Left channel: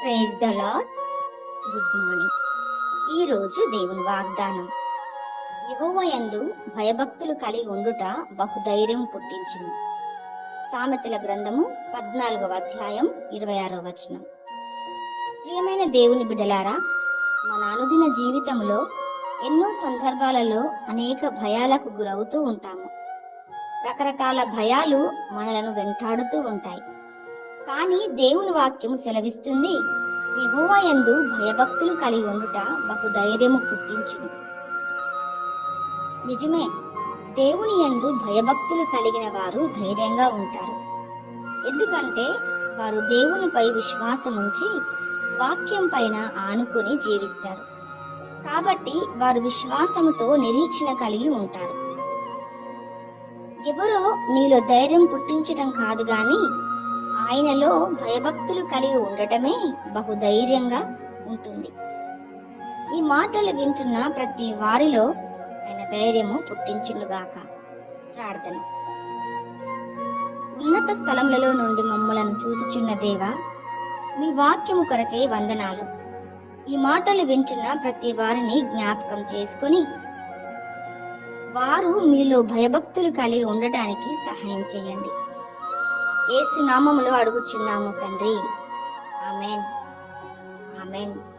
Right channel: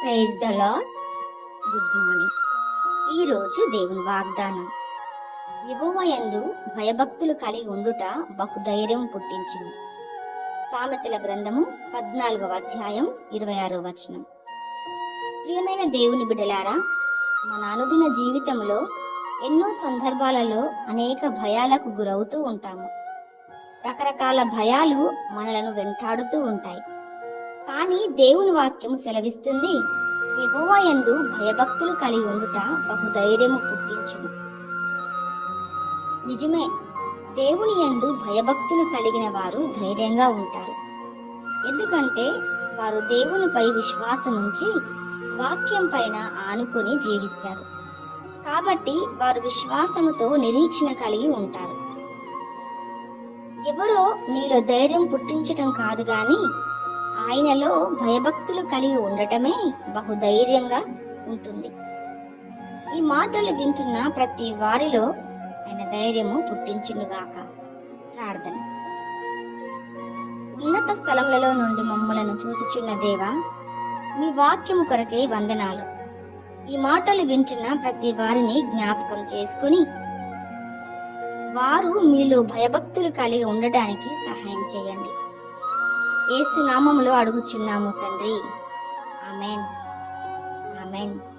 Praise the Lord good morning ఈరోజు దేవుని వాగ్దానం. యందు భయభక్తులు కలిగి ఉండుట బహు ధైర్యం పుట్టించును. సామెతల గ్రంథము పద్నాలుగవ అధ్యాయం ఇరవై ఆరో వచనం. ప్రియమైన దేవుని బిడ్డలారా మన అనుదిన జీవితంలో ఎన్నో సందర్భాలలో అనేక భయాలకు గురవుతూ ఉంటాము. రకరకాల భయాలు మనలను వెంటాడుతూ ఉంటాయి. కానీ దేవుని వాక్యం సెలవిస్తుంది యెహోవా భయభక్తులు కలిగి ఉండుట బహు ధైర్యము పుట్టించును. నిజమే దేవుని యందు భయభక్తులు కలిగిన వారు ధైర్యంగా ఉంటారు. ఎందుకంటే వారు దేవునిపై విశ్వాసం ఉంచి వాక్యం పైన ఆనుకుని జీవిస్తారు. కాబట్టి వారు విశ్వాసంతో నిరీక్షణ కలిగి ఉంటారు. ఎవరో నీలో ధైర్యం పుట్టించటం కాదు గాని ఆయనలో భయభక్తులు కలిగి ఉండటమే బహు ధైర్యంగా ఉంటుంది. ఈ మాటలు వింటున్న ప్రతి వారిలో ఆయన ధైర్యము పుట్టించునుగాక. ప్రార్థన. ఉన్నత స్థలములలో నుండి మమ్మలను చూచుచున్న దేవా మీ వాక్యము కొరకే వందనాలు. ఈ మాటలు వింటున్న ప్రతి వారిని జ్ఞాపకం చేసుకొని వారు మీలో భయభక్తులు కలిగి ఉండటానికి సహాయం చేయండి. ఏసునామములు అడుగుచున్నాము తండ్రి. ఆమెన్. ఆమెన్.